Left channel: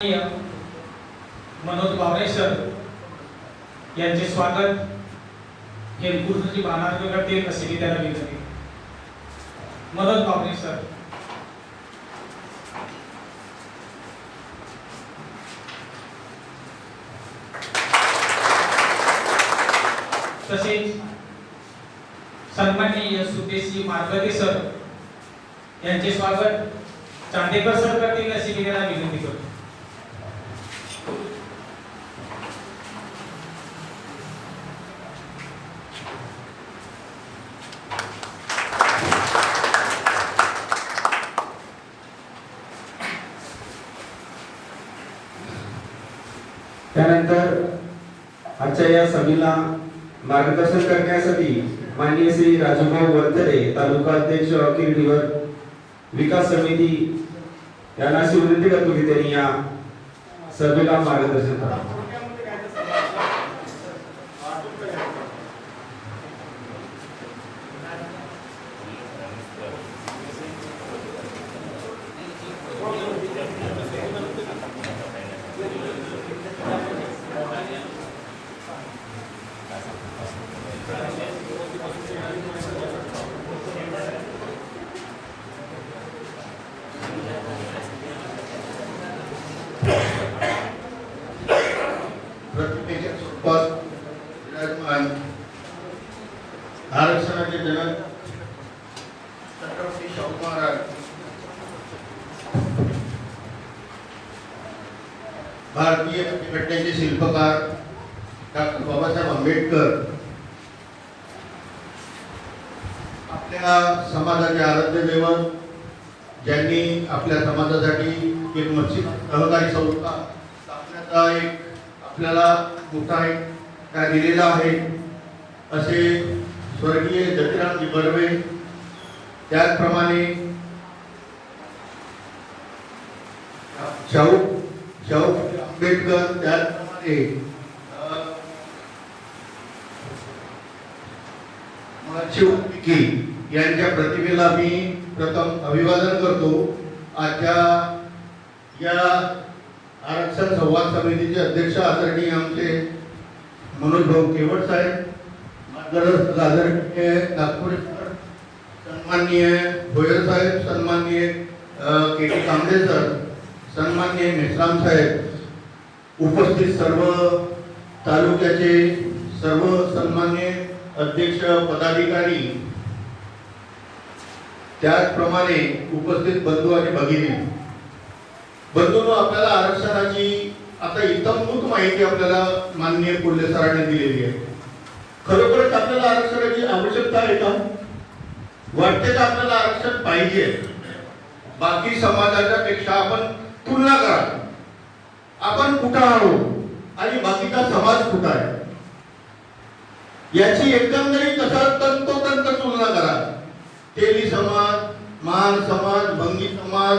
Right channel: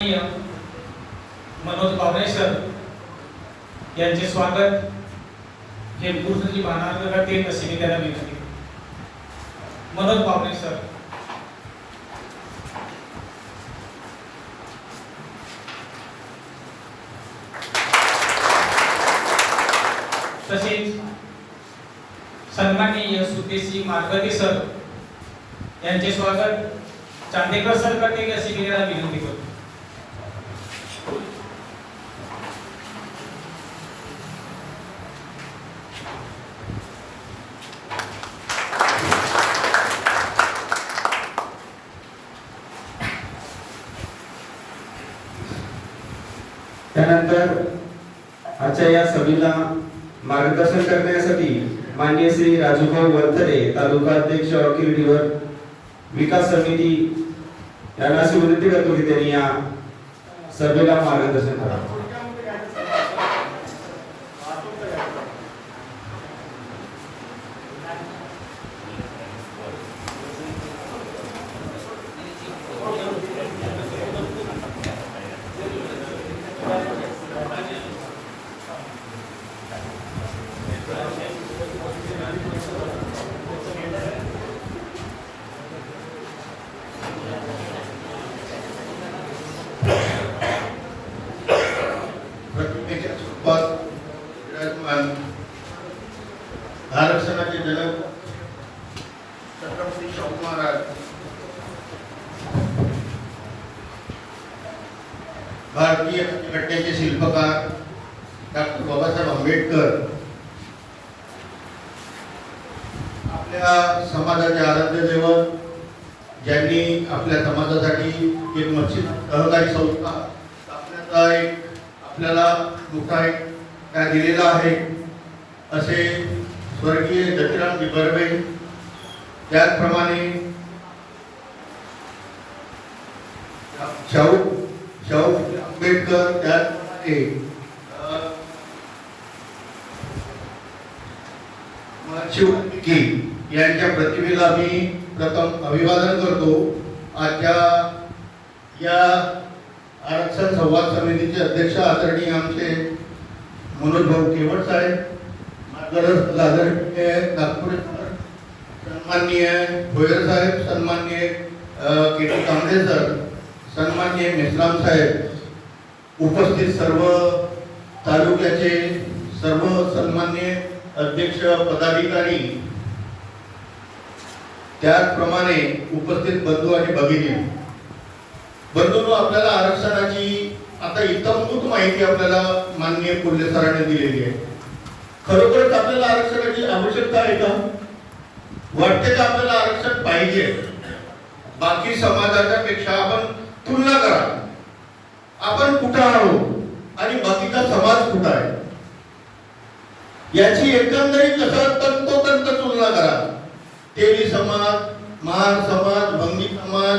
मनोज बावरे sir यांचे स्वागत हेमपूरची भानार्थ करतील तसे मी त्याला विनंती मनोज बावरे सर तसेच सन्माननीय सुकेशी मार्गदे सर यांचे स्वागत चांदेकर सर करतील अशी मी त्याला विनंती करतो त्यानंतर आजच्या या सभेला मार्गदर्शन करण्यासाठी माननीय श्री राजूभाऊ वरतरे तालुका अध्यक्ष अखिल विकास समिती यांना अशी विनंती करतो की त्यांनी या सभेला मार्गदर्शन करावं प्रतिमेच्या स्वरूपात विराजमान आरक्षणाचे जनक छत्रपती भारतीय घटनेचे शिल्पकार डॉक्टर बाबासाहेब आंबेडकर आपल्या समाजाचे आराध्य दैवत ज्यांनी आपल्या समाजासाठी एक मच्छी सहकारी संस्था स्थापण्याचा एक आपल्याला मोठा एक त्या दिलेला आहे असे स्वर्गीय दत्तरामजी बर्वे त्याचप्रमाणे शाहू शाहू आंबेडकर त्याचप्रमाणे शिवकी यांच्या प्रतिमेला मी प्रथम अभिवादन करतो. आजच्या या आरक्षण संवाद समितीचे अध्यक्ष आदरणीय आमचे मनोज भाऊ केवट साहेब मार्गदर्शक आदरणीय नागपूर सन्माननीय भोयर साहेब सन्माननीय के टी कांबळे सर सन्माननीय मेश्राम साहेब उपस्थित सर्व तालुक्याचे सर्व सन्मान्य अध्यक्ष पदाधिकारी त्याचप्रमाणे उपस्थित बंधू आणि भगिनी. बंधू आपल्याला आरक्षणाची आता इतंभूत माहिती आपल्याला माननीय कोल्हे सरांनी दिलेली आहे. खरोखरच आपल्याला आरक्षणाची आवश्यकता आहे का? वाटते का आपल्याला आरक्षण पाहिजे. बाकी समाजाच्या पेक्षा आपण तुलना करा. आपण कुठं आहोत? आणि बाकीचा समाज कुठं आहे? याची एकंदरीत कसं तंतोतंत तुलना करा. तेली समाज महार समाज भंगी समाज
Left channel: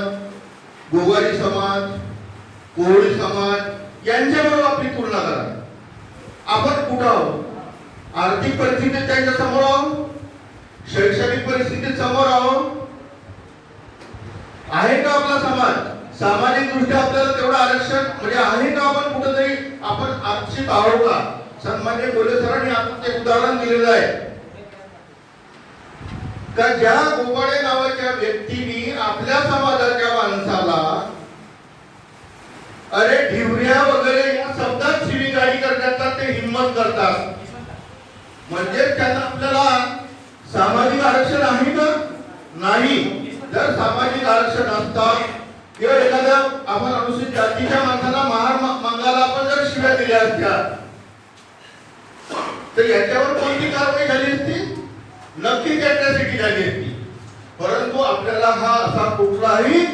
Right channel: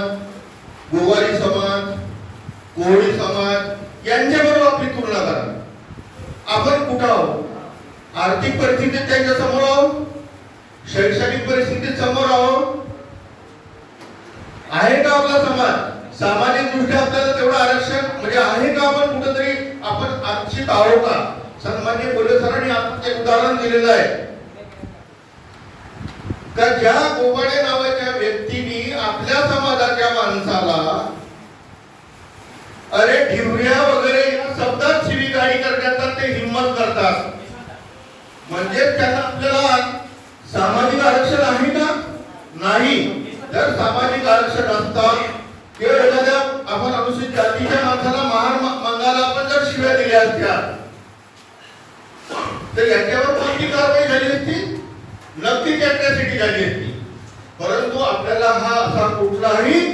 गोवारी समाज कोळी समाज यांच्याबरोबर आपली तुलना करा. आपण कुठं आहोत? आर्थिक परिस्थिती त्यांच्यासमोर आहोत? शैक्षणिक परिस्थितीत समोर आहो. आहे का आपला समाज? सामाजिक दृष्ट्या आपल्याला तेवढं आरक्षण म्हणजे आहे का आपण कुठेतरी आपण आरक्षित आहो का? सन्मान्य बोले सरांनी आपण एक उदाहरण दिलेलं आहे. तर ज्या गोवाडे नावाच्या व्यक्तीने आपल्या समाजाच्या माणसाला अरे ठिवऱ्या वगैरे या शब्दात शिवीगाळी करण्याचा ते हिंमत करतात. म्हणजे त्यांना आपल्याला सामाजिक आरक्षण आहे का? नाही. जर सामाजिक आरक्षण असतं किंवा एखाद्या आपण अनुसूचित जातीच्या माणसाला महार मागायला आपण जर शिव्या दिल्या असत्या तर याच्यावर कोणती कारवाई झाली असती? नक्कीच याच्यासाठी झाली असती. परंतु आपल्याला हा असा कुठलाही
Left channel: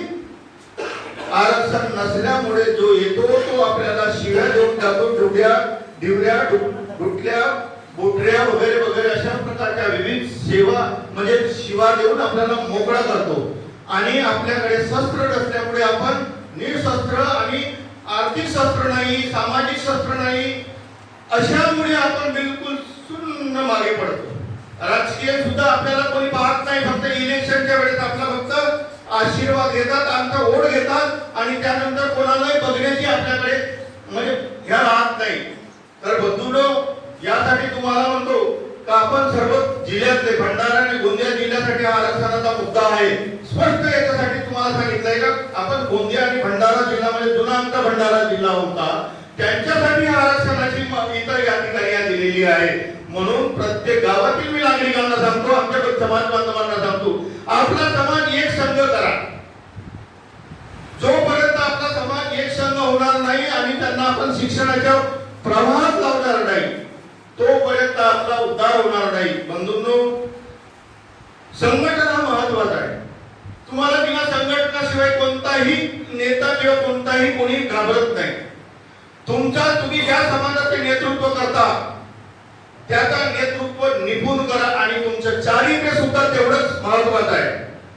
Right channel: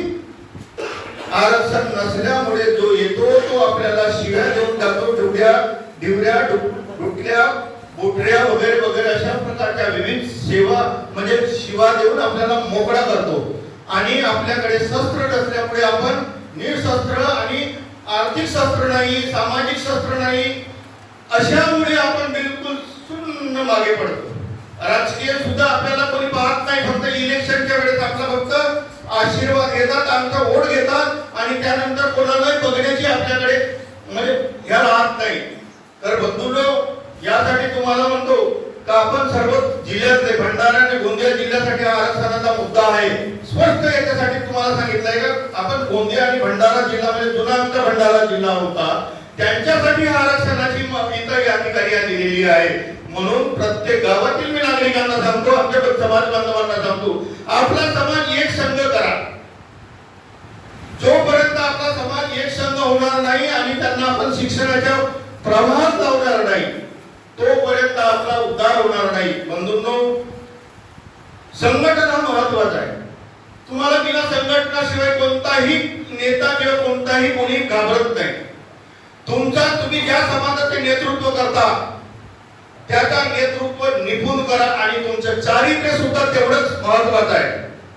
आरक्षण नसल्यामुळे जो येतो तो आपल्याला शिव्या देऊन जातो डुबड्या डिवऱ्या डुटल्या बोटऱ्या वगैरे वगैरे अशा प्रकारच्या विविध सेवा म्हणजे शिवा देऊन आपल्याला मोकळा करतो. आणि आपल्याकडे शस्त्र नसल्यामुळे आपण निशस्त्र आणि आर्थिक शस्त्र नाही सामाजिक शस्त्र नाही अशामुळे आपण बिलकुल शून्य मागे पडतो. राजकीय सुद्धा आपल्याला कोणी पाहत नाही फक्त इलेक्शनच्या वेळेस आपला फक्त आशीर्वाद घेतात आमचा ओढ घेतात आणि त्यानंतर कोणालाही बघण्याची आपल्याकडे म्हणजे ह्या राहत नाही. तर बंधूंनो यासाठी तुम्हाला म्हणतो तर आपण सर्व जिल्ह्यातले भंडारा आणि गोंदिया जिल्ह्यासाठी हा आरक्षणाचा मुद्दा आहे. स्पष्ट याच्यासाठी तुम्हाला सांगितलंय का? आपण गोंदिया आणि भंडारा जिल्हा म्हणजे जुना आमचा भंडारा जिल्हा होता. त्यांच्यासाठी हा आरक्षणाची इतर या या दिलेली आहे. म्हणून प्रत्येक गावातील मी नागरिकांना सांगतो आमच्या समाज बांधवांना सांगतो आपला समाज एक संघ करा. जोपर्यंत आपला समाज एक संघ होणार नाही आणि त्यांना आपण शिक्षणाच्या प्रवाहात लावणार नाही तोपर्यंत आपला उद्धार होणार नाही. बंधूंनो संघटना महत्त्वाचा आहे. तुम्हाला तिला संघटनाशिवाय कोणताही नेता किंवा कोणताही कोणी घाबरत नाही. तुमचा तुम्ही ज्या समाजाचे नेतृत्व करता त्याचा नेतृत्व निपुण करा आणि तुमचं चारित्र्य सुद्धा तेवढंच महत्वाचं आहे.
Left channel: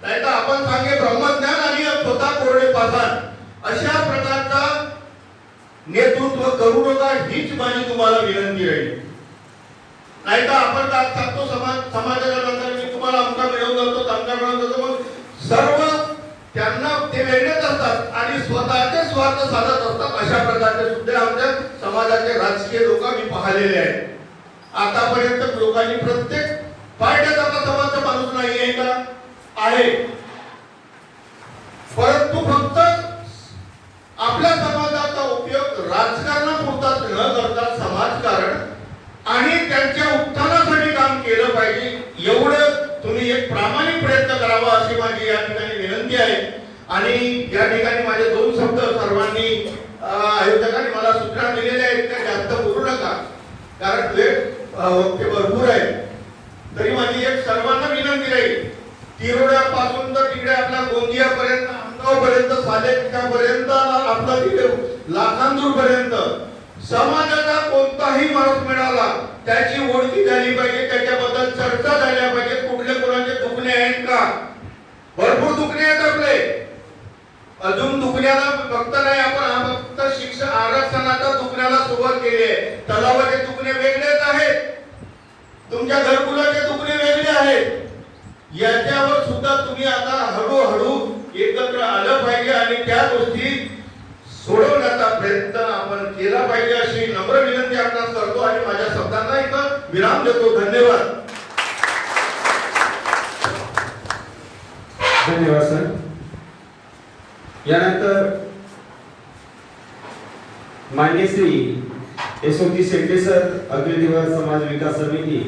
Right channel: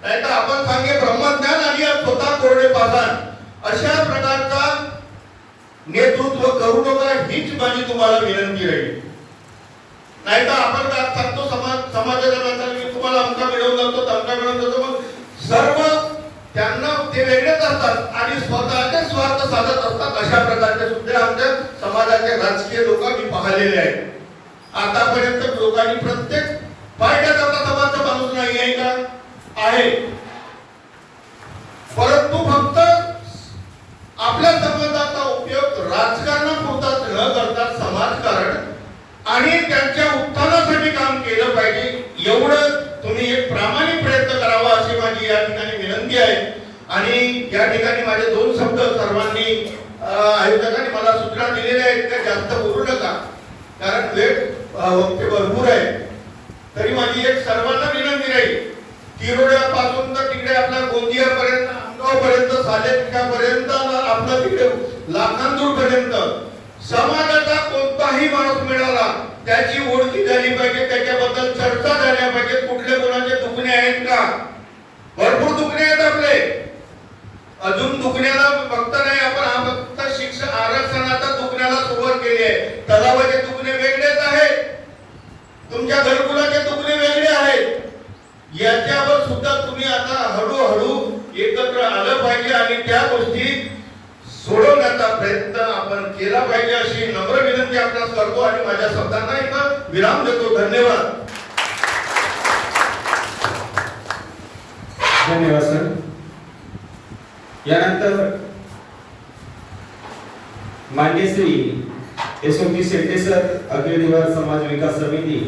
नाही तर आपण सांगे ब्रह्मज्ञान आणि स्वतः कोरडे पाषाण अशा प्रकारचा नेतृत्व करू नका हीच माझी तुम्हाला विनंती आहे नाही तर आपण काय सांगतो समाज समाजाच्या नंतर मी तुम्हाला आमचा मिळवून जातो तमका मिळवून जातो मग सर्व त्यांना ते वेगळेच असतात आणि स्वतःचे स्वार्थ साधत असतात अशा प्रकारचे सुद्धा आमच्या समाजाचे राजकीय लोक मी पाहिलेले आहेत. आतापर्यंत लोकांनी प्रत्येक पार्ट्यात आपला समाजचा माणूस नाही आहे का? आहे. परंतु फक्त आपल्या समाजाचा उपयोग राजकारणापुरताच न करता आणि त्यांच्या उत्थानासाठी काम केलं पाहिजे. एवढं तुम्ही एक प्रामाणिक प्रयत्न करावा अशी माझी या ठिकाणी विनंती आहे. आणि या ठिकाणी माझे दोन शब्द सर्वांनी आयोजकांनी मला सूचना दिलेल्या आहेत का जास्त बोलू नका. कारण वेळ वक्ते भरपूर आहे तरी माझी एक सर्वांना विनंती राहील तिरोड्यापासून तर तिकडे आपल्या गोंदियापर्यंत आमगाव पर्यंत सालेपर्यंत आपला तिकडे लाखांदूर पर्यंत समाजाचा कोणताही माणूस मिळाला त्याची ओळखी झाली पाहिजे त्याच्याबद्दल चर्चा झाल्या पाहिजे कुठले कोणाचे दुखणे आहेत का? भरपूर दुखणे आहेत आपले. अजून दुखण्याला फक्त नाही आपण फक्त शिक्षण आरक्षणाचा दुखण्याला सुरुवात केली आहे. तलावाचे दुखणे वेगळेच आहेत. तुमच्या घरकुलाचे दुखणे वेगळे आहेत. याच्यावर सुद्धा तुम्ही आता हळूहळू एकत्र आलं पाहिजे आणि त्या गोष्टी सोडवण्याचा प्रयत्न आपण केला पाहिजे अशी नम्र विनंती आपल्याला करतो आणि माझ्या शब्दांना एक विराम देतो. धन्यवाद. धन्यवाद सर. यानंतर मान्य श्री यशवंती शेट्टे सर अखिल दिवस समाज विकास समिती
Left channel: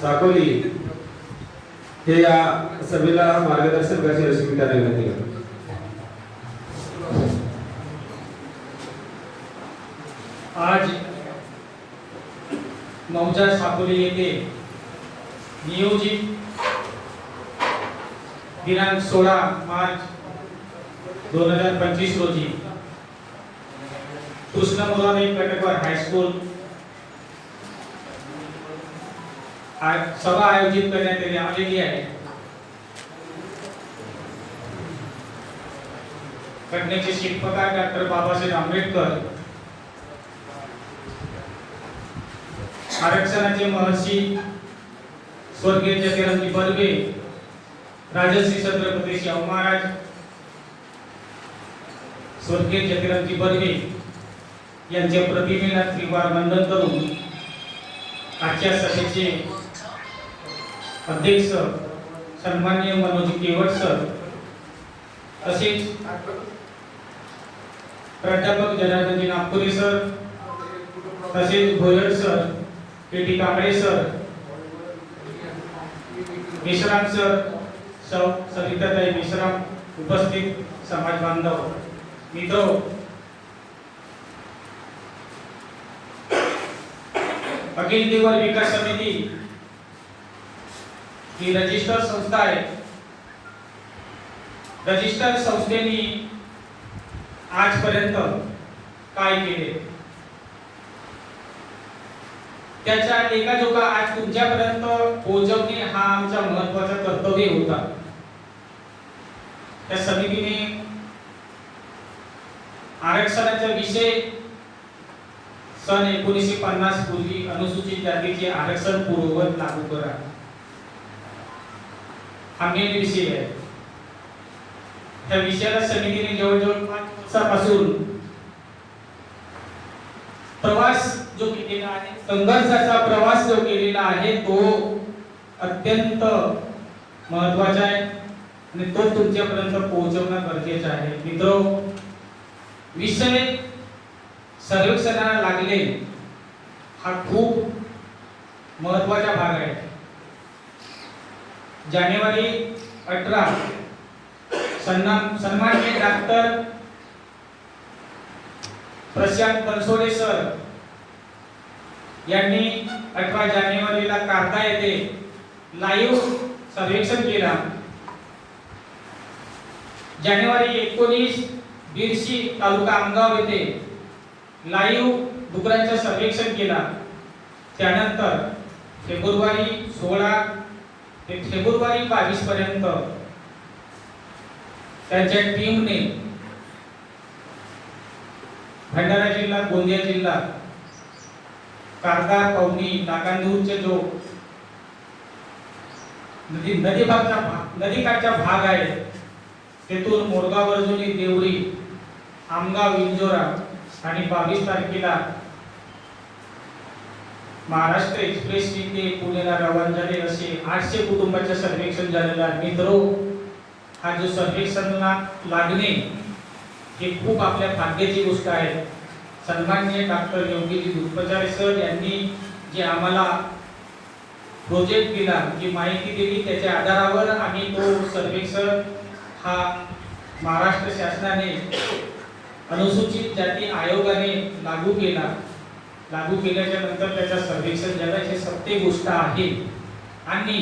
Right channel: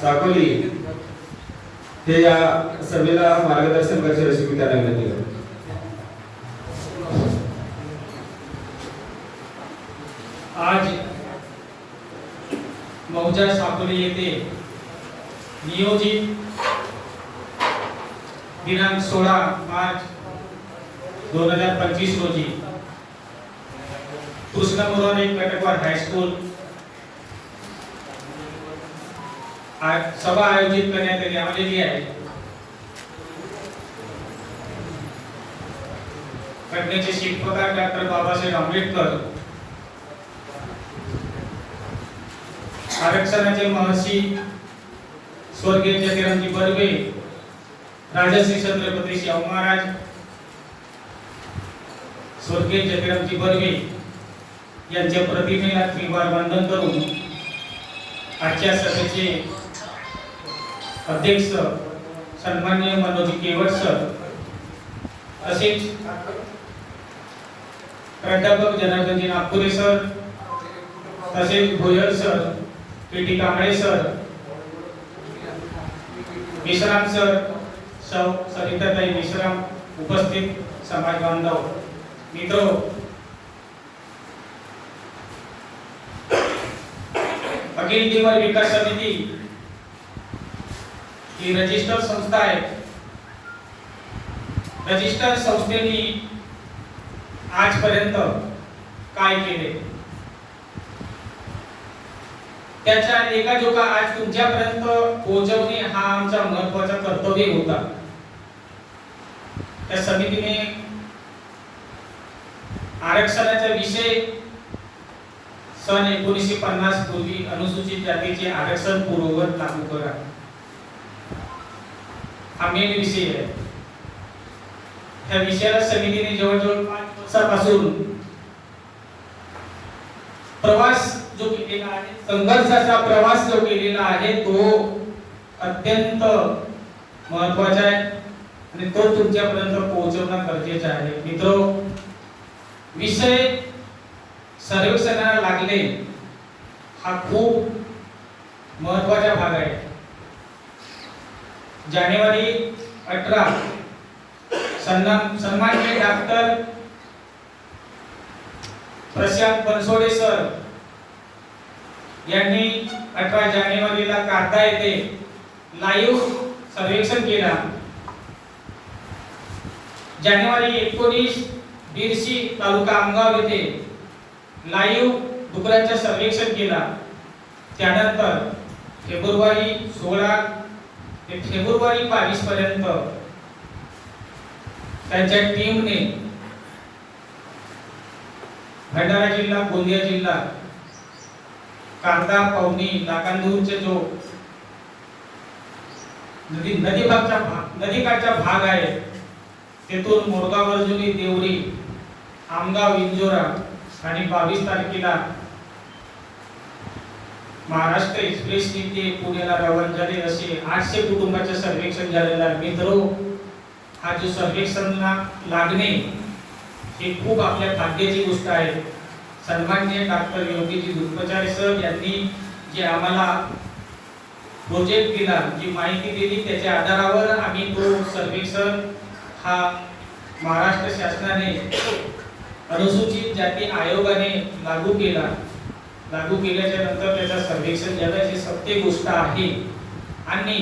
साकोली हे या सभेला मार्गदर्शन करतील अशी मी त्यांना विनंती करतो. आज मौजा साकोली येथे नियोजित दिनांक सोळा मार्च दोन हजार पंचवीस रोजी कृष्ण मुरारी कटकवाड हायस्कूल आज सभा आयोजित करण्यात आलेली आहे. घटनेचे शिल्पकार डॉक्टर बाबासाहेब आंबेडकर आरक्षणाचे महर्षी स्वर्गीय जगरामजी बर्वे राजश्री छत्रपती शाहू महाराज स्वर्गीय जगरामजी बर्वे यांच्या प्रतिमेला त्रिवार वंदन करून आजच्या सभेचे अध्यक्ष सन्मान्य मनोज केवट सर तसेच प्राध्यापक जनार्दन नागपुरे सर तसेच Bhoyar sir K Kamble sir. Vishram sir सौ सविताताई मिश्राम उपस्थित समाज बांधव मित्र हो. अखिल देवल विकास समिती. ही रजिस्टर संस्था आहे. रजिस्टर संस्थेने आजपर्यंत काय केले? त्याच्या एकाजोगा आज तुमच्यापर्यंत पोहोचवणे हा आमचा महत्त्वाचा कर्तव्य होता. त्या समितीने आरक्षणाचा विषय सन एकोणीसशे पन्नास पूर्वी अनुसूचित जातीचे आरक्षण पूर्ववत लागू करा. हा मेन विषय आहे. त्या विषयाला समितीने जवळजवळपासून प्रवास जो केलेला आहे संघर्षाचा प्रवास जो केलेला आहे तो अत्यंत महत्त्वाचा आहे. आणि तो तुमच्यापर्यंत पोहोचवणं गरजेचं आहे. मित्र विषय सर्वेक्षणाला लागले. हा खूप महत्त्वाचा भाग आहे. जानेवारी अठरा सन्मान डॉक्टर प्रशांत बनसोडे सर यांनी अठरा जानेवारीला कारदा येथे लाईव्ह सर्वेक्षण केला. जानेवारी एकोणीस बिरशी तालुका आमगाव येथे लाईव्ह डुकरांचे सर्वेक्षण केला. त्यानंतर फेब्रुवारी सोळा ते फेब्रुवारी बावीस पर्यंत त्यांच्या टीमने भंडारा जिल्हा गोंदिया जिल्हा कांदा पवनी नाकांदूरचे जो नदी नदी भागचा भाग नदीकाठचा भाग आहे तेथून मोरगाव अर्जुनी देवरी आमगाव इंजोरा आणि बावीस तारखेला महाराष्ट्र एक्सप्रेस ते पुण्याला रवाना झाले. असे आठशे कुटुंबाचे सर्वेक्षण झालेलं आहे. मित्रो हा जो सर्वेक्षणला लागणे हे खूप आपल्या भाग्याची गोष्ट आहे. सन्माननीय डॉक्टर योगीजी दुर्पचारे सर यांनी जे आम्हाला प्रोजेक्ट दिला जी माहिती दिली त्याच्या आधारावर आम्ही तो सर्वेक्षण हा महाराष्ट्र शासनाने अनुसूचित जाती आयोगाने लागू केला. लागू केल्याच्यानंतर त्याचा सर्वेक्षण जगाची सत्य गोष्ट आहे. आणि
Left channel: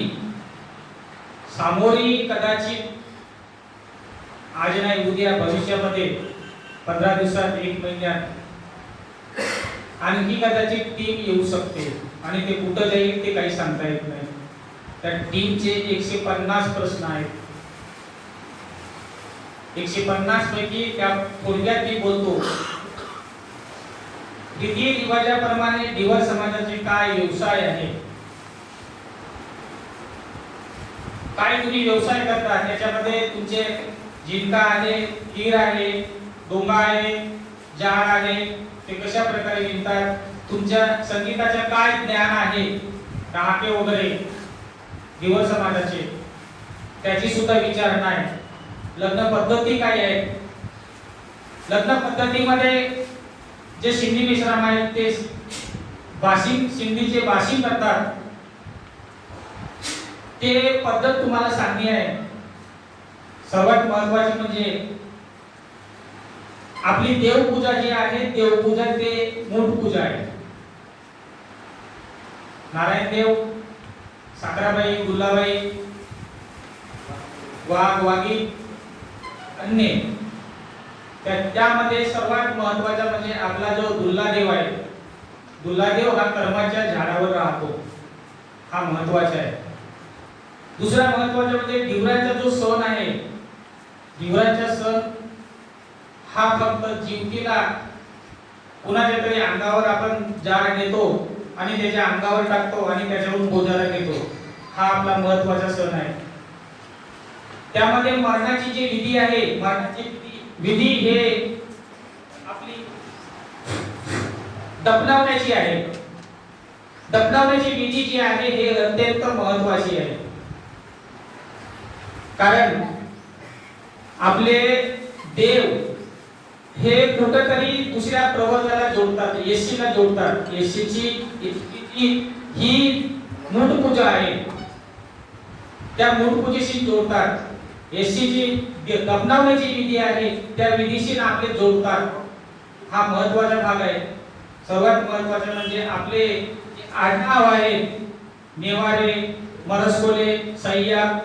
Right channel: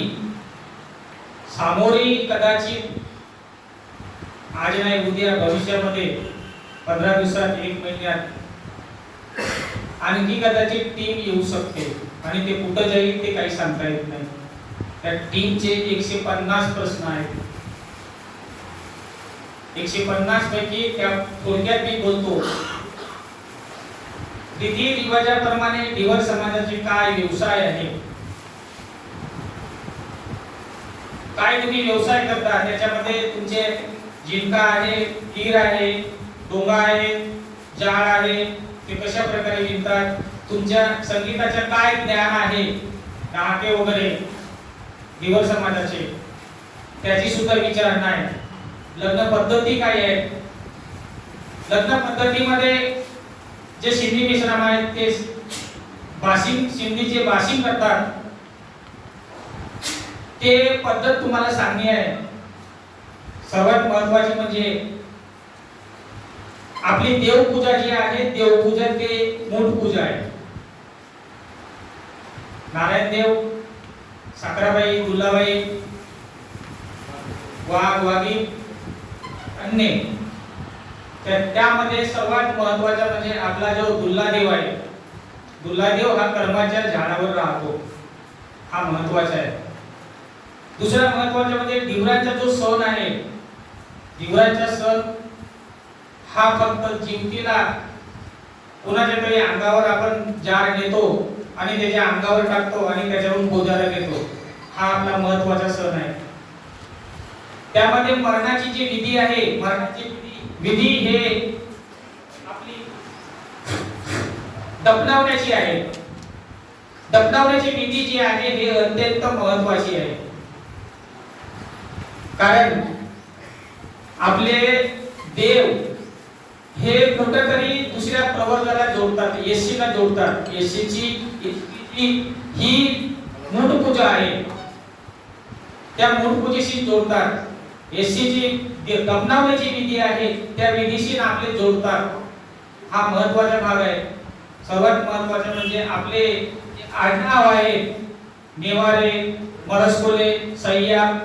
सामोरी कदाचित आज नाही उद्या भविष्यामध्ये पंधरा दिवसात एक महिन्यात आणखी कदाचित टीम येऊ शकते. आणि ते कुठं जाईल ते काही सांगता येत नाही. त्या टीमचे एकशे पन्नास प्रश्न आहेत. एकशे पन्नास पैकी त्या थोडक्यात मी बोलतो. रीती रिवाजाप्रमाणे डिवर समाजाचे काय व्यवसाय आहे? काय तुम्ही व्यवसाय करता? त्याच्यामध्ये तुमचे जिंका आहे तीर आहे डोंगा आहे जाळ आहे ते कशा प्रकारे विणतात तुमच्या संगीताच्या काय ज्ञान आहे? नाके वगैरे दिवर समाजाचे त्याची सुद्धा विचारणा आहे लग्न पद्धती काय आहे लग्न पद्धतीमध्ये जे सिंधी मिश्रम आहेत ते बाशिंग सिंधीचे बाशिंग करतात. ते पद्धत तुम्हाला सांगणे आहे. सर्वात महत्वाची म्हणजे आपली देवपूजा जी आहे देवपूजा ते मूठ पूजा आहे. नारायण देव साखराबाई गुल्लाबाई वाघ वाघी अन्य. तर त्यामध्ये सर्वात महत्त्वाचा म्हणजे आपला जो दुल्लादेव आहे दुल्लादेव हा कर्माच्या झाडावर राहतो. हा महत्त्वाचा आहे. दुसरा महत्त्वाचा म्हणजे दिवराचा जो सण आहे दिवराचा सण हा फक्त जिंतीला कुणाच्या तरी अंगावर आपण जार घेतो आणि त्याच्या अंगावर टाकतो आणि त्याच्यावरून बोजारा घेतो. हा आपला महत्त्वाचा सण आहे. त्यामध्ये मरणाची जी विधी आहे मरणाची विधी- विधी हे आपली दफनावण्याची आहे. दफनावण्याची विधी जी आहे हे अत्यंत महत्वाची आहे. कारण आपले देव हे कुठेतरी दुसऱ्या प्रवर्गाला जोडतात एसीला जोडतात. एसीची इतकी ही मूळ पूजा आहे. त्या मूळ पूजेशी जोडतात एसीची जी विधी आहे त्या विधीशी आपले जोडतात. हा महत्त्वाचा भाग आहे. सर्वात महत्त्वाचे म्हणजे आपले आडनाव आहे नेवारे मरसकोले सय्याम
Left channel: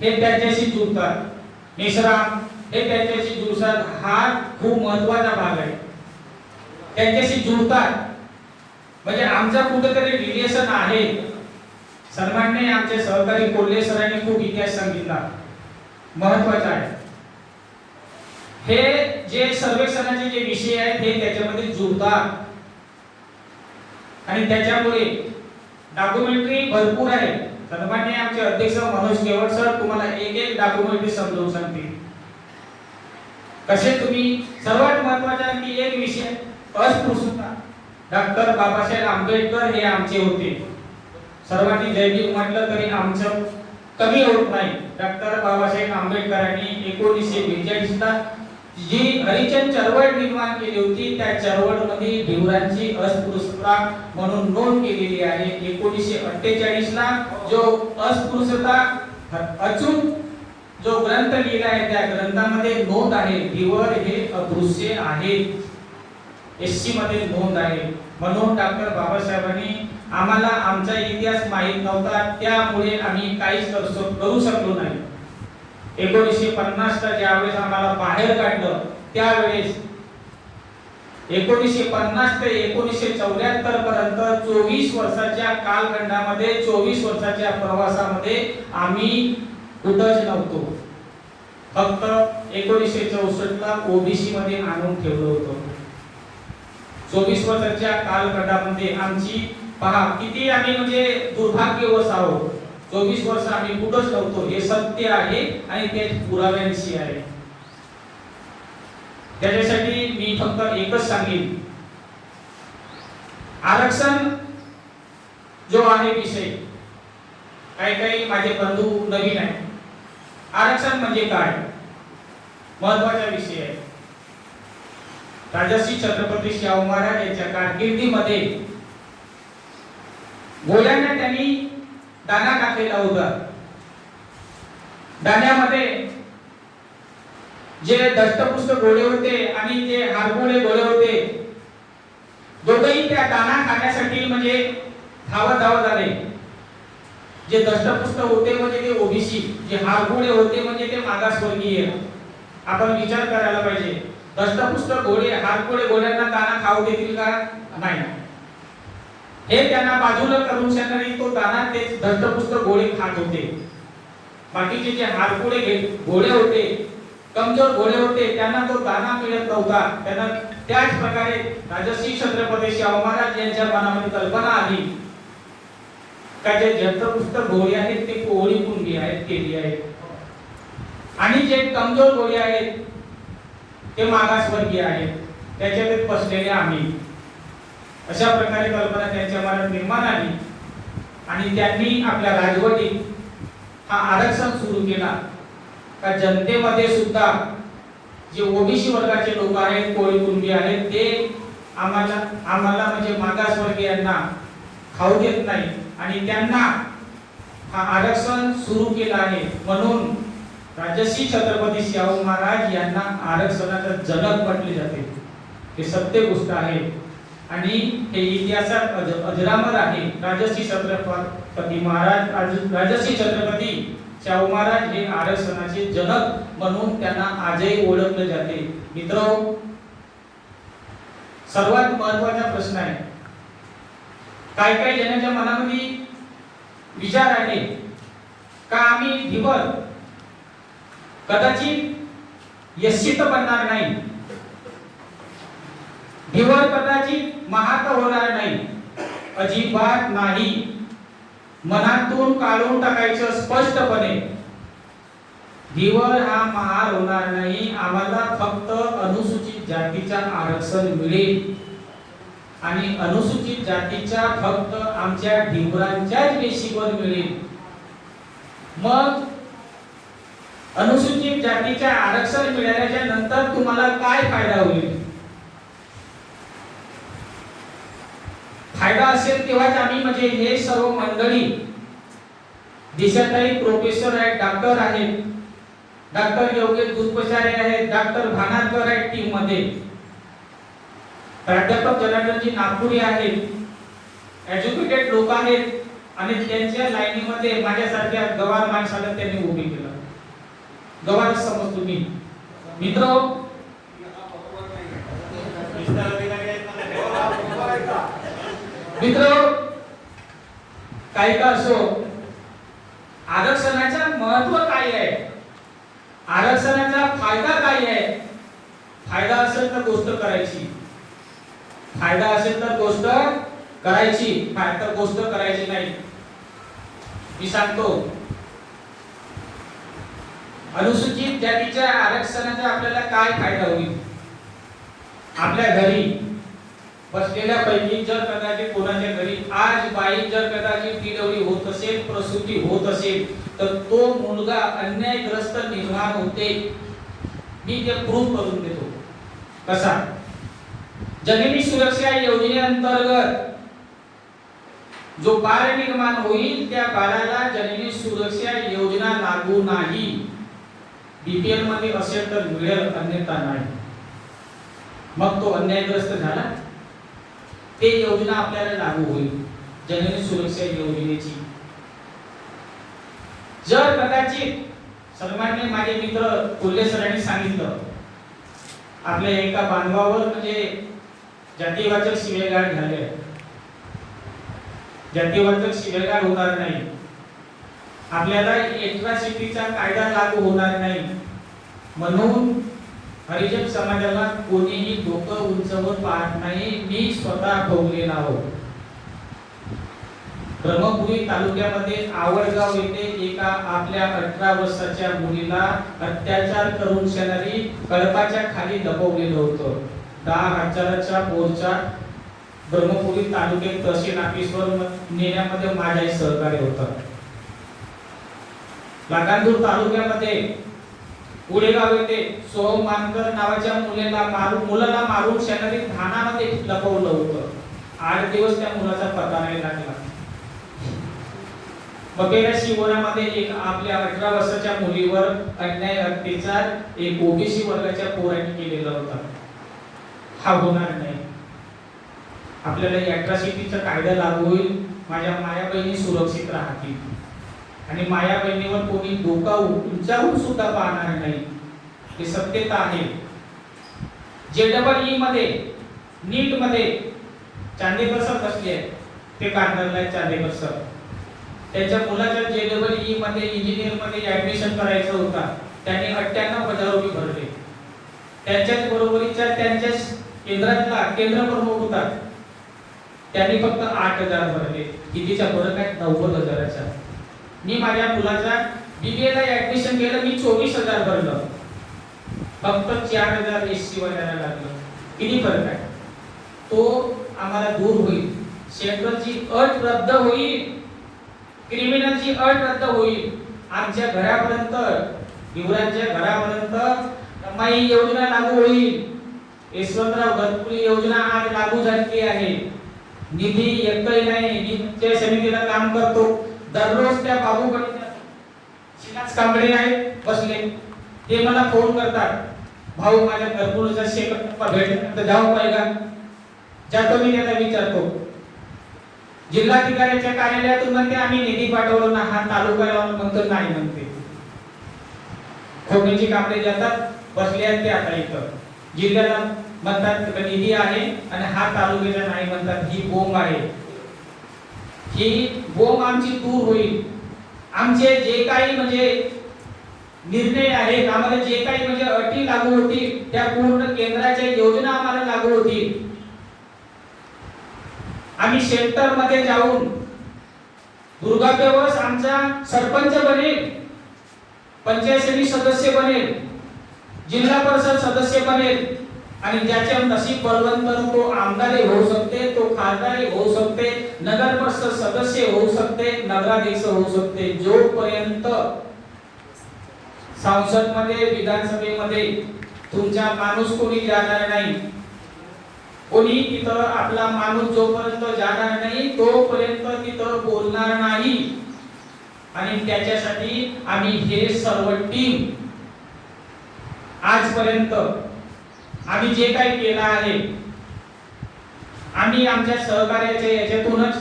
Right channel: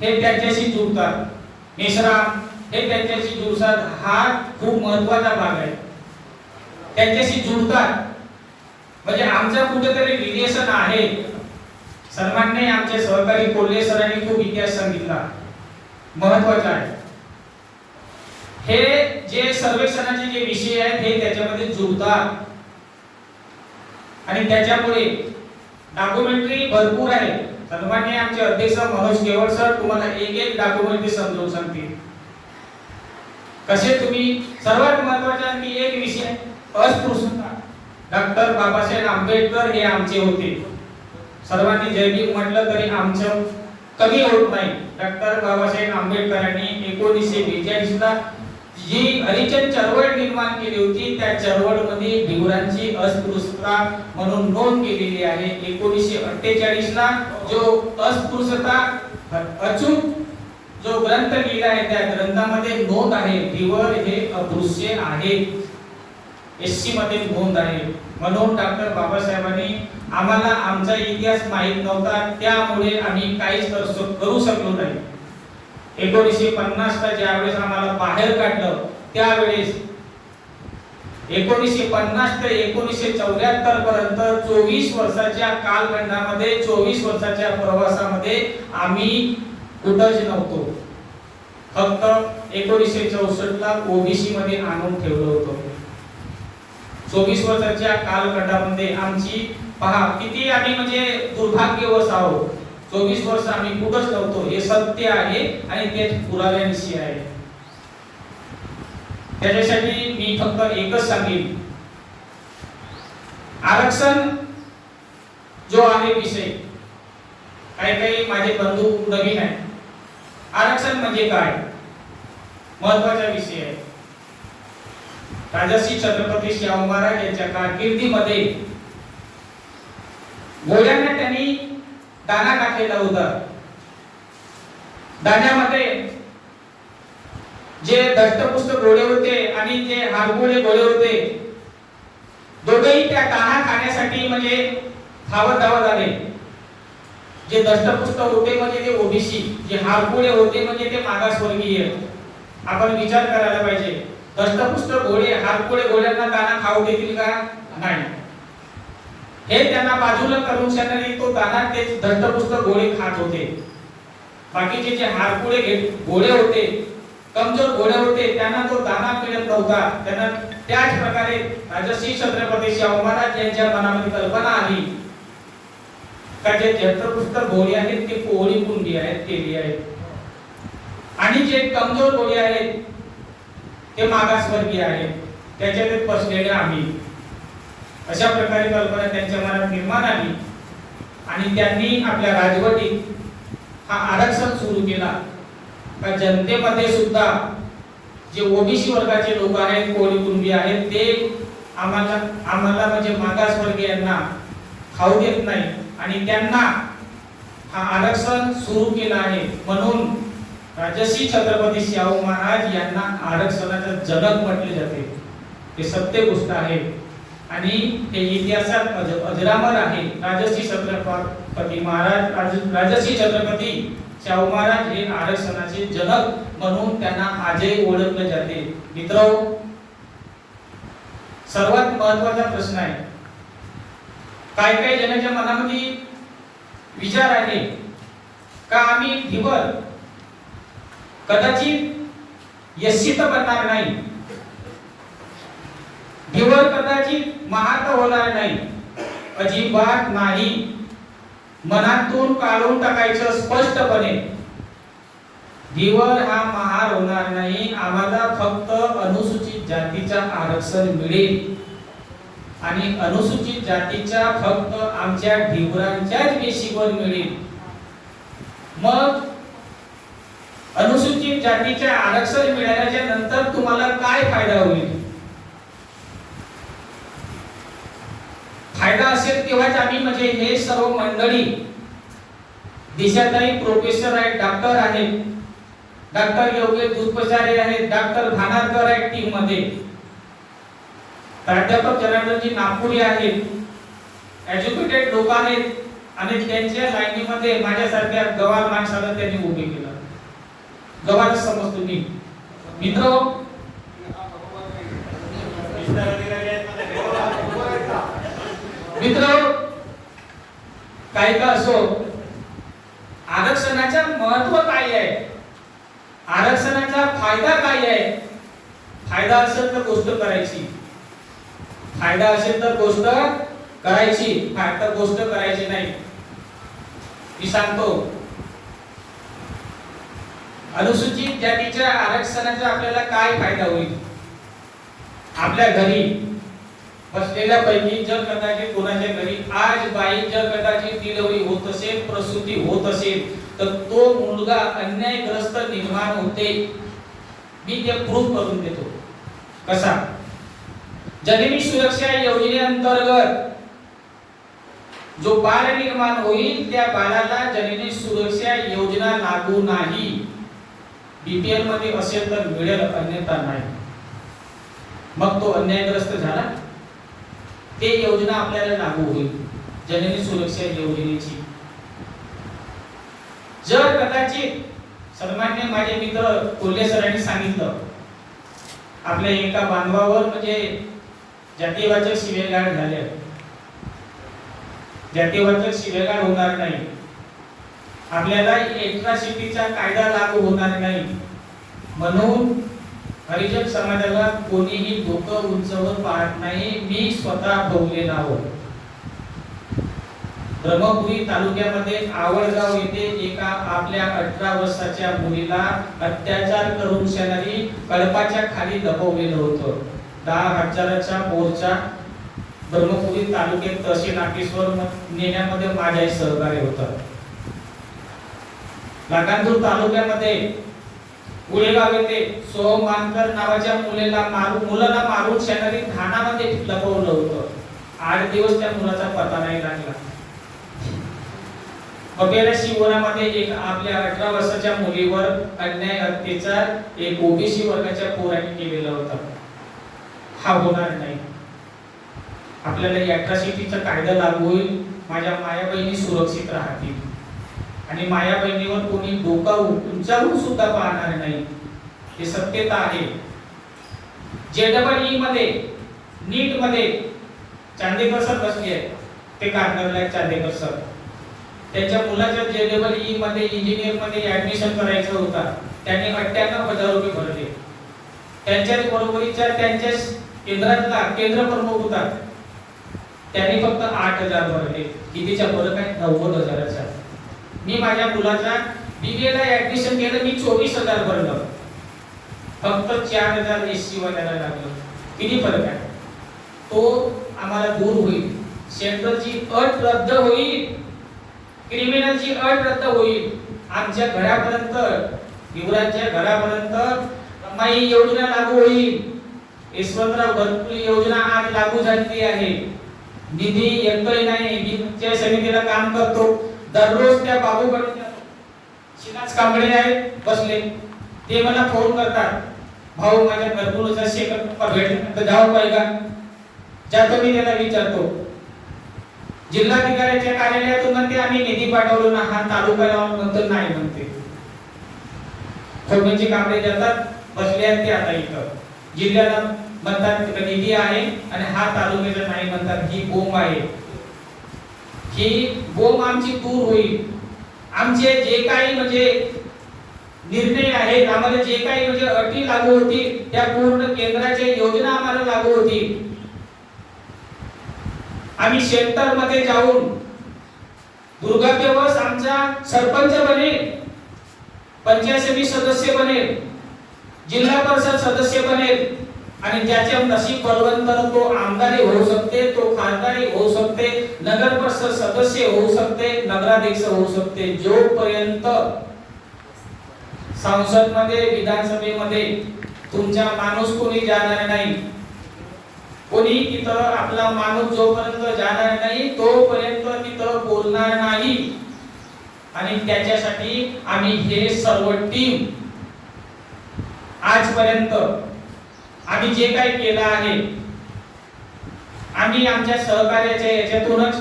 हे त्यांच्याशी जुळतात मेश्राम हे त्यांच्याशी जुळतात हा खूप महत्त्वाचा भाग आहे. त्यांच्याशी जुळतात म्हणजे आमचा कुठेतरी रिलेशन आहे. सर्वांनी आमचे सहकारी कोल्हे सरांनी खूप इतिहास सांगितला. महत्त्वाचा आहे. हे जे सर्वेक्षणाचे जे विषय आहेत हे त्याच्यामध्ये जुळतात आणि त्याच्यामुळे डॉक्युमेंटरी भरपूर आहे. सन्मान्य आमचे अध्यक्ष मनोज केवळ सर तुम्हाला एक एक डॉक्युमेंटरी समजावून सांगतील. कसे तुम्ही? सर्वात महत्त्वाचे आणखी एक विषय अस्पृश्यता. डॉक्टर बाबासाहेब आंबेडकर हे आमचे होते. सर्वांनी जय म्हटलं तरी आमचं कमी होत नाही. डॉक्टर बाबासाहेब आंबेडकरांनी एकोणीसशे बेचाळीस ला जी हरिचंद चळवळ निर्माण केली होती त्या चळवळमध्ये भिवरांची अस्पृश्यता म्हणून नोंद केलेली आहे. एकोणीसशे अठ्ठेचाळीस ला जो अस्पृश्यता अचूक जो ग्रंथ लिहिला आहे त्या ग्रंथामध्ये नोंद आहे दिवळ हे अदृश्य आहे. एस सी मध्ये नोंद आहे. म्हणून डॉक्टर बाबासाहेबांनी आम्हाला आमचा इतिहास माहीत नव्हता त्यामुळे आम्ही काहीच करू शकलो नाही. एकोणीसशे पन्नासला ज्यावेळेस आम्हाला बाहेर काढलं त्यावेळेस एकोणीसशे पन्नास ते एकोणीसशे चौऱ्याहत्तर पर्यंत चोवीस वर्षाच्या कालखंडामध्ये चोवीस वर्षाच्या प्रवासामध्ये आम्ही कुठंच नव्हतो. फक्त एकोणीसशे चौसष्ट ला ओबीसी मध्ये आणून ठेवलं होतं. चोवीस वर्षाच्या कालखंडामध्ये आमची पहा किती आम्ही म्हणजे दुर्भाग्यवश आहोत. चोवीस वर्ष आम्ही कुठंच नव्हतो. हे सत्य आहे आणि ते पुराव्यांशी आहे. त्याच्यासाठी मी फक्त एकच सांगेन. आरक्षण जो आहे विषय काही काही माझे बंधू नवीन आहे आरक्षण म्हणजे काय? महत्त्वाचा विषय आहे. राजश्री छत्रपती शाहू महाराज यांच्या कारकिर्दीमध्ये गोळ्यांना त्यांनी दाना टाकलेला होता. दाण्यामध्ये जे दष्टपुष्ट गोळे होते आणि जे हारगोळे गोळे होते दोघेही त्या दाना खाण्यासाठी म्हणजे धावत धावत आले. जे दष्टपुष्ट होते म्हणजे ते ओबीसी जे हारगुळे होते म्हणजे ते मागासवर्गीय. आपण विचार करायला पाहिजे. दष्टपुष्ट गोळे हारगोळे गोळ्यांना दाना खाऊ देतील का? नाही. हे त्यांना बाजूला करून शकणारी तो दाना ते दष्टपुष्ट गोळे खात होते. बाकीचे जे हारकुळे घे- होते कमजोर गोळे होते त्यांना तो दाना मिळत नव्हता. त्यांना त्याच प्रकारे राजश्री छत्रपती शाहू महाराज यांच्या मनामध्ये कल्पना आली. का जे दष्टपुष्ट गोळी आहेत ते कोळी कुंडी आहेत केली आहेत. आणि जे कमजोर गोळी आहेत ते मागासवर्गीय आहेत. त्याच्यात बसलेले आम्ही. अशा प्रकारे कल्पना त्यांच्या मनात निर्माण आली. आणि त्यांनी आपल्या राजवटीत हा आरक्षण सुरू केला. का जनतेमध्ये सुद्धा जे ओबीसी वर्गाचे लोक आहेत कोळी कुणबी आहेत ते आम्हाला आम्हाला म्हणजे मागासवर्गीयांना खाऊ देत नाही आणि त्यांना हा आरक्षण सुरू केला आहे म्हणून राजश्री छत्रपती शाहू महाराज यांना आरक्षणाचं जनक म्हटले जाते. हे सत्य गोष्ट आहे. आणि हे इतिहासात अज, अजरामर आहे. राजश्री छत्रपती महाराज राज- राजश्री छत्रपती शाहू महाराज हे आरक्षणाचे जनक म्हणून त्यांना आजही ओळखले जाते. मित्र सर्वात महत्त्वाचा प्रश्न आहे. काय काय जणांच्या मनामध्ये विचार आहे. का आम्ही धीवर कदाचित यशित बनणार नाही. धिवर कदाचित महात होणार नाही. अजिबात नाही. मनातून काढून टाकायचं स्पष्टपणे. धीवर हा महार होणार नाही. आम्हाला फक्त अनुसूचित जातीचा आरक्षण मिळेल. आणि अनुसूचित जातीच्या फक्त आमच्या ढिवरांच्याच बेसिकवर मिळेल. मग अनुसूचित जातीच्या आरक्षण मिळाल्याच्या नंतर तुम्हाला काय फायदा होईल? फायदा असेल तेव्हाच आम्ही म्हणजे हे सर्व मंडळी दिशाताई प्रोफेसर आहेत डॉक्टर आहेत. डॉक्टर योगेश दुष्पचारे आहेत डॉक्टर भानारकर आहेत टीममध्ये. प्राध्यापक जनार्दनजी नागपुरी आहेत. एज्युकेटेड लोक आहेत आणि त्यांच्या लाईनीमध्ये माझ्यासारख्या गवार माणसाला त्यांनी उभे केलं. गवार समजतो मी. मित्र? मित्र? काही का असो? आरक्षणाचं महत्त्व काय आहे? आरक्षणाचा फायदा काय आहे? फायदा असेल तर गोष्ट करायची. फायदा असेल तर गोष्ट करायची. फायदा गोष्ट करायची नाही. मी सांगतो. अनुसूचित जातीच्या आरक्षणाचा आपल्याला काय फायदा होईल? आपल्या घरी बसलेल्या पैकी जर कदाचित कोणाच्या घरी आज बाई जर कदाचित डिलिव्हरी होत असेल प्रसूती होत असेल तर तो मुलगा अन्यायग्रस्त निर्माण होते. मी ते प्रूफ करून देतो. कसा? जननी सुरक्षा योजनेअंतर्गत जो बाळ निर्माण होईल त्या बाळाला जननी सुरक्षा योजना लागू नाही. बीपीएलमध्ये असेल तर मिळेल अन्यथा नाही. मग तो अन्यायग्रस्त झाला. ते योजना आपल्याला लागू होईल जननी सुरक्षा योजनेची. जर कदाचित सन्मान्य माझे मित्र कोल्हे सरांनी सांगितलं आपल्या एका बांधवावर म्हणजे जातीवाचक शिवेगाळ झाले. जातीवाचक शिवेगाळ होणार नाही. आपल्याला एट्रॉसिटीचा कायदा लागू होणार नाही. म्हणून हरिजन समाजाला कोणीही डोकं उंचवत पाहत नाही. मी स्वतः भोगलेला हो ब्रह्मपुरी तालुक्यामध्ये आवडगाव येथे एका आपल्या अठरा वर्षाच्या मुलीला अत्याचार करून शेजारी कळपाच्या खाली दबवलेलं होतं. दहा हजाराच्या मोर्चा ब्रह्मपुरी तालुक्यात तहसील नाकेश्वर नेण्यामध्ये माझ्या सहकार्य होता लाटांदूर तालुक्यामध्ये उळेगाव येथे सोहम मानकर नावाच्या मुलीला मारून मुलाला मारून शेजारी धानामध्ये लपवलं होतं. आठ दिवस त्या मुलाचा पत्ता नाही लागला. वगैरे शिवरामध्ये एक आपल्या अठरा वर्षाच्या मुलीवर अन्याय अत्याचार एक ओबीसी वर्गाच्या पोराने केलेला होता. हा होणार नाही. आपल्याला अट्रॉसिटीचा कायदा लागू होईल. माझ्या माया बहिणी सुरक्षित राहतील. आणि माया बहिणीवर कोणी डोका उंचावून सुद्धा पाहणार नाही. हे सत्यता आहे. जे डबल ई मध्ये नीटमध्ये चांदेकर सर बसले ते कारणाला आहेत चांदेकर सर. त्यांच्या मुलाच्या जे डबल ई मध्ये इंजिनियरमध्ये ऍडमिशन करायचं होता. त्यांनी अठ्ठ्याण्णव हजार रुपये भरले. त्यांच्याच बरोबरीचा त्यांच्याच केंद्रातला केंद्र प्रमुख होता. त्यांनी फक्त आठ हजार भरले. कितीच्या फरक आहे? नव्वद हजाराचा मी माझ्या मुलाच्या बीबीए ला ऍडमिशन केलं मी चोवीस हजार भरलं. फक्त चार हजार एस सी वाल्याला लागलं. किती फरक आहे? तो आम्हाला दूर होईल. सेंट्रलची अट रद्द होईल. क्रिमिनलची अट रद्द होईल. आमच्या घरापर्यंत युवराजच्या घरापर्यंत कमाई योजना लागू होईल. यशवंतराव घरकुल योजना आज लागू झाली आहे. निधी येतोय नाही मी त्या समितीला काम करतो. दररोज त्या बाबूकडे शिलास कांबळे आहेत बसले. ते मला फोन करतात. भाऊ माझ्या घरकुलाचा शेकट नंबर भेटला तर जाऊ पाहिजे जातो मी त्याला विचारतो. जिल्हाधिकाऱ्याच्या कार्यालयातून म्हणते आम्ही निधी पाठवलो ना हा तालुका लावून म्हणतो नाही म्हणते. खोडण्याची कामरे जातात बसले आहेत ते आता इथं. जिल्ह्याला म्हणतात निधी आहे आणि हा तालुक्याला नाही म्हणतात ही बोंब आहे. ही बोंब आमची दूर होईल. आमचे जे काही म्हणजे निर्णय आहेत आम्हाला जे काही म्हणजे अटी लागू होती त्या पूर्ण केंद्राच्या योजना आम्हाला लागू होती आम्ही शेल्टरमध्ये जाऊन दुर्गादेवस आमचा सरपंच बनेल पंचायत समिती सदस्य बनेल. जिल्हा परिषद सदस्य बनेल आणि ज्याचे नशीब बलवंत तो आमदारी होऊ शकते तो खासदारी होऊ शकते नगर परिषद सदस्य होऊ शकते नगराध्यक्ष होऊ शकते. जोपर्यंत संसदमध्ये विधानसभेमध्ये तुमचा माणूस कोणी जाणार नाही कोणी तिथं आपला माणूस जोपर्यंत जाणार नाही तोपर्यंत तिथं बोलणार नाही. आणि त्याच्यासाठी आम्ही हे सर्व टीम आजपर्यंत आम्ही जे काही केलं आहे आम्ही आमच्या सहकार्याच्या याच्यातूनच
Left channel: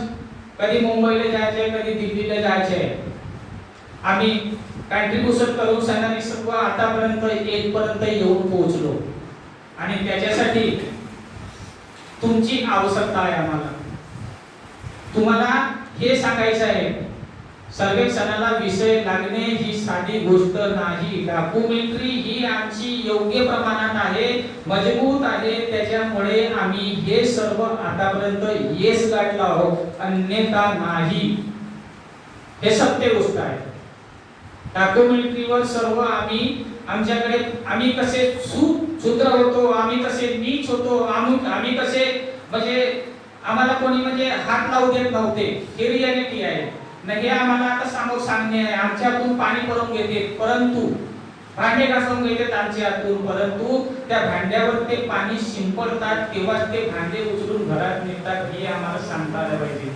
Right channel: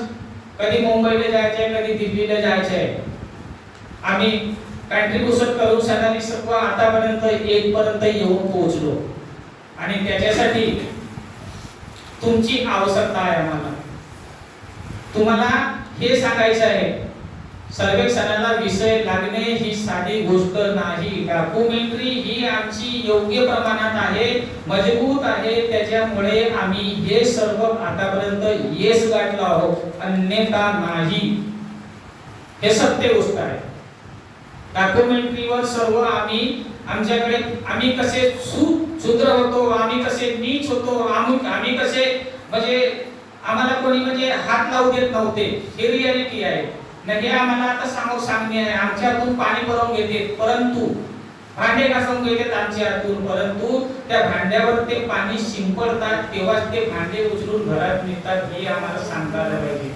कधी मुंबईला जायचंय कधी दिल्लीला जायचंय. आम्ही कॉन्ट्रीब्युशन करून सणारी सर्व आतापर्यंत येथपर्यंत येऊन पोहोचलो. आणि त्याच्यासाठी तुमची आवश्यकता आहे आम्हाला. तुम्हाला हे सांगायचं आहे सर्वेक्षणाला विषय लागणे ही साधी गोष्ट नाही. डॉक्युमेंटरी ही आमची योग्य प्रमाणात आहे मजबूत आहे. त्याच्यामुळे आम्ही हे सर्व आतापर्यंत येस गाठलो आहोत. अन्यथा नाही. हे सत्य गोष्ट आहे. डॉक्युमेंटरीवर सर्व आम्ही आमच्याकडे आम्ही कसे सूट शूद्र होतो आम्ही कसे नीच होतो आम्ही आम्ही कसे म्हणजे आम्हाला कोणी म्हणजे हात लावू देत नव्हते. हे रियालिटी आहे. नाही हे आम्हाला आता सांगू सांगणे आहे आमच्या हातून पाणी भरून घेते. परंतु भांडे घासून घेतात आमच्या हातून. परंतु त्या भांड्यावर ते पाणी शिंपडतात तेव्हाच ते भांडे उचलून घरात नेतात. हे आम्हाला सांगता आलं पाहिजे.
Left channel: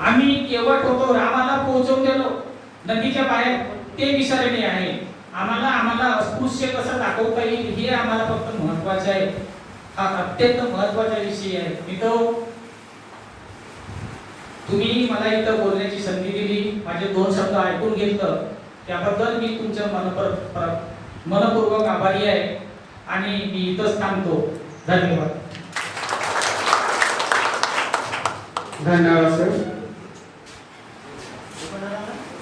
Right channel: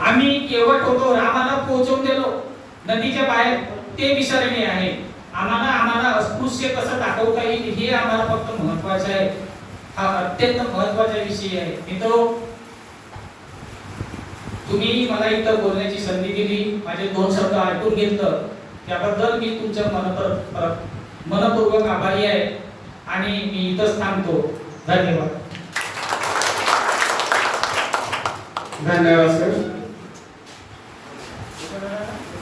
आम्ही केवट होतो. रामाला पोहोचवून गेलो नदीच्या बाहेर ते विसरणे आहे. आम्हाला आम्हाला अस्पृश्य कसं दाखवता येईल हे आम्हाला फक्त महत्वाचं आहे. हा अत्यंत महत्त्वाचा विषय आहे. मित्र तुम्ही मला इथं बोलण्याची संधी दिली माझे दोन शब्द ऐकून घेतलं त्याबद्दल मी तुमच्या मनपर मनपूर्वक आभारी आहे आणि मी इथंच थांबतो. धन्यवाद. धन्यवाद सर.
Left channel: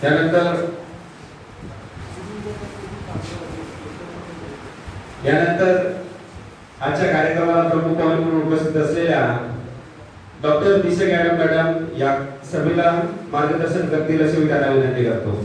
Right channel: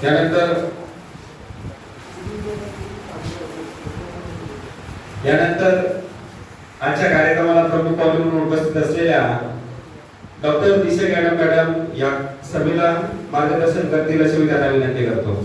त्यानंतर यानंतर आजच्या कार्यक्रमाला प्रमुख पाहुणे म्हणून उपस्थित असलेल्या डॉक्टर दिशे मॅडम मॅडम या सभेला मार्गदर्शन करतील अशी मी त्यांना विनंती करतो.